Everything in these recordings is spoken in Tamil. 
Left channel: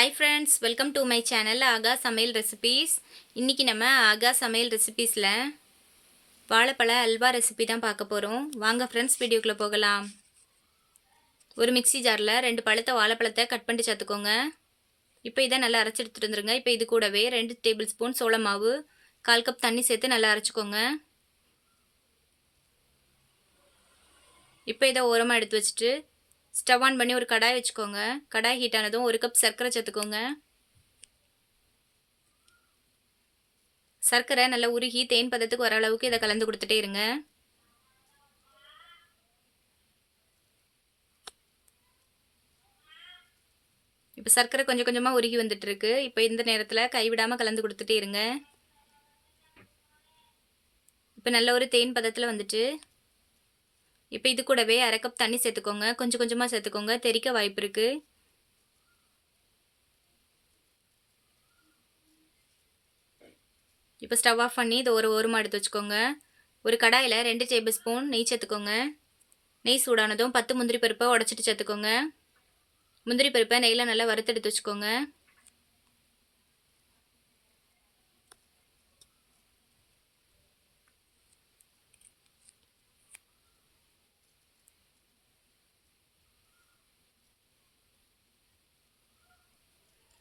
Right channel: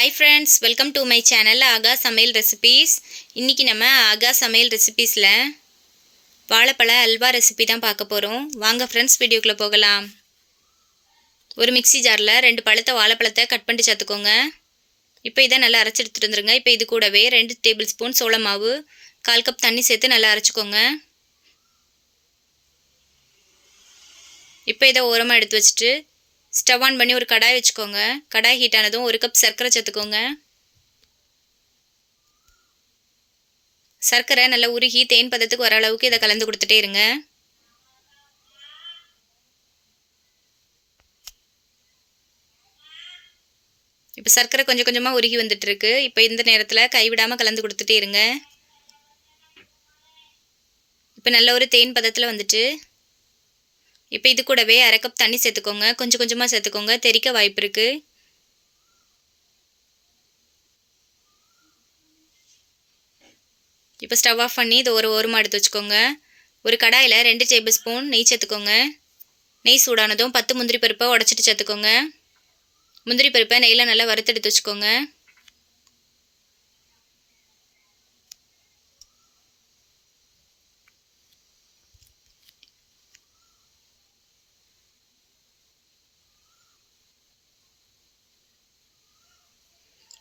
Hi friends, welcome to my channel ஆகா சமையல் ரெசிபீஸ். இன்றைக்கி நம்ம ஆகா சமையல் ரெசிபீஸில் வாழைப்பழ அல்வா ரெசிபி தான் பார்க்க போகிறோம். வாங்க ஃப்ரெண்ட்ஸ், வீடியோக்குள்ளே போகலாம். ஒரு மிக்ஸி ஜாரில் 2 பழுத்த வாழைப்பழத்தை கட் பண்ணி சேர்த்துக்கோங்க. இப்போ இதை நல்லா அரைச்சி எடுத்துகிட்டு வந்துருங்க. இப்போ இது கூடவே 2 டேபிள் ஸ்பூன் சோள மாவு, 1/4 கப் தண்ணி சேர்த்து நல்லா அரைச்சிக்கோங்க. இப்போ இதை ஓரமாக எடுத்து வச்சுட்டு ஸ்டவ் ஆன் பண்ணி ஒரு கடாய் வச்சுக்கோங்க. கடாய் ஹீட் ஆனதும் 1 கப் சர்க்கரை சேர்த்துக்கோங்க. சர்க்கரை நல்லா உருகி தேன் பதத்துக்கு வர அளவுக்கு இதை கலந்து கொடுத்துட்டே இருங்க. இப்போ சர்க்கரை கொஞ்சம் கொஞ்சமாக உருகி வந்துட்டுருக்கு. இப்போ இந்த நேரத்தில் கைவிடாமல் கலந்து கொடுத்துட்டே இருங்க. இப்போ நல்ல ஒரு தேன் பதத்தில் வந்துட்டு இப்போ இது கூடவே 1/2 கப் தண்ணி சேர்த்துக்கோங்க. கொஞ்சம் கொஞ்சமாக சேர்த்துக்கோங்க, தெறிக்க வாய்ப்பு இருக்குது. இப்போ ஸ்டவ் ஆஃப் பண்ணி இதை ஓரமாக எடுத்து வச்சுக்கோங்க. ஒரு கடாயில் 2 டேபிள் ஸ்பூன் நெய் சேர்த்துக்கோங்க. நெய் சூடானதும் 10 முந்திரி பருப்பை உடச்சிட்டு சேர்த்துக்கோங்க. முந்திரி பருப்பை நெய்யில் நல்லா வறுத்து எடுத்து வச்சுக்கோங்க.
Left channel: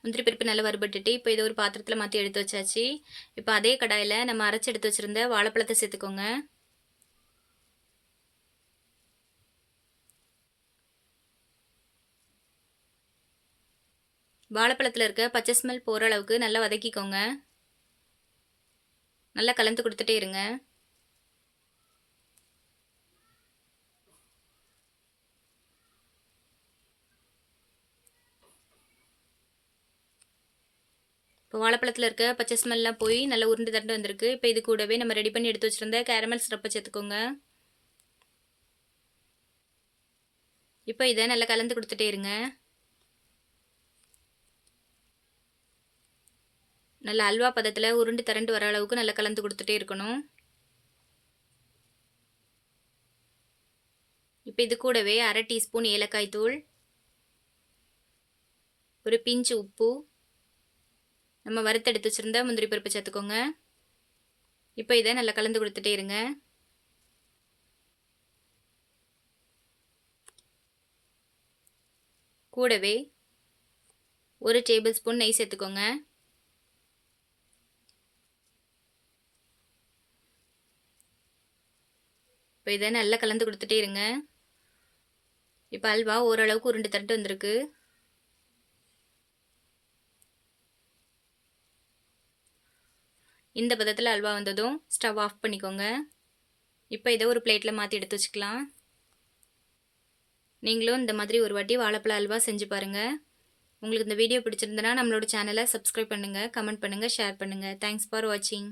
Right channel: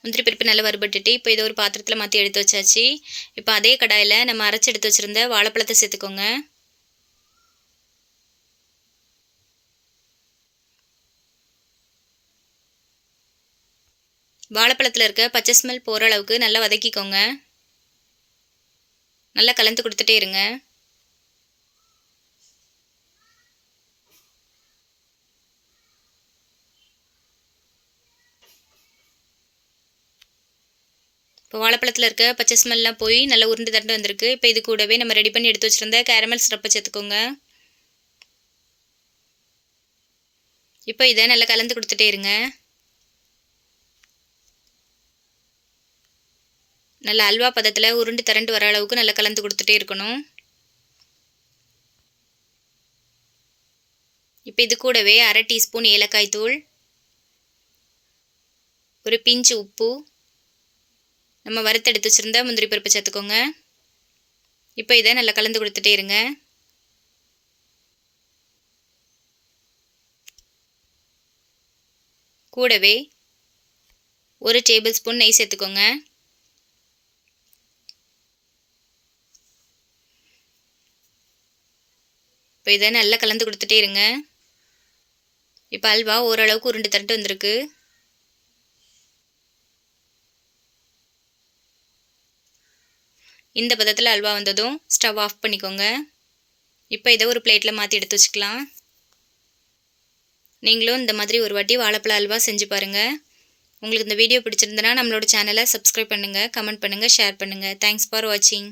முந்திரி பருப்பு நல்லா வறுபட்டுட்டு இப்போ இதை ஒரு பாத்திரத்தில் மாற்றி எடுத்து வச்சாச்சு. இப்போ அதே கடாயில் நம்ம அரைச்சி எடுத்து வச்சுருந்த வாழைப்பழத்தை சேர்த்துக்கோங்க. வாழைப்பழத்தில் இருக்க பச்சை ஸ்மெல் போகிற அளவுக்கு நல்லா வதக்கிக்கோங்க. நல்லா கலந்து கொடுத்துட்டே இருங்க. இப்போ வாழைப்பழத்தில் இருக்க பச்சை ஸ்மெல்லாம் போய் நல்லா உருண்டு தண்டு வந்திருக்கு. இப்போ இது கூடவே நம்ம ரெடி பண்ணி எடுத்து வச்சுருந்த கேரமல் சிரப்பை சேர்த்துக்கோங்க. இப்போ இதை நல்லா கலந்து கொடுத்துட்டே இருங்க. நல்லா அல்வா பதத்தில் உருண்டு திரண்டு வர அளவுக்கு நல்லா கலந்து கொடுத்துட்டே இருக்கணும். இப்போ இது கூடவே 1/2 டீஸ்பூன் ஏலக்காய் தூள், ஒரு பிஞ்சு உப்பு, நம்ம வறுத்தெடுத்து வச்சுருந்த முந்திரி பருப்பு சேர்த்துக்கோங்க. இப்போ இதை நல்லா கலந்து கொடுத்துட்டே இருங்க. கூடவே 1 டேபிள் ஸ்பூன் நெய் சேர்த்துக்கோங்க. இப்போ இதை நல்லா கலந்து கொடுத்துட்டே இருங்க. இப்போ அல்வா ஓரளவுக்கு உருண்டு தட்டு வந்திருக்கு. இந்த பதத்தில் அல்வா வந்ததும் ஸ்டவ் ஆஃப் பண்ணிக்கோங்க. இப்போ இதை ஒரு பிளேட்டில் மாற்றி எடுத்து வச்சுக்கலாம். நீங்களும் இந்த மாதிரி ஒரு வாட்டி வாழைப்பழ அல்வா செஞ்சு பாருங்கள். உங்களுக்கு இந்த வீடியோ பிடிச்சிருந்தனா நம்மளோட சேனலை சப்ஸ்கிரைப் பண்ணுங்கள், கமெண்ட் பண்ணுங்கள், ஷேர் பண்ணுங்கள். தேங்க்ஸ் ஃபார் வாட்சிங்.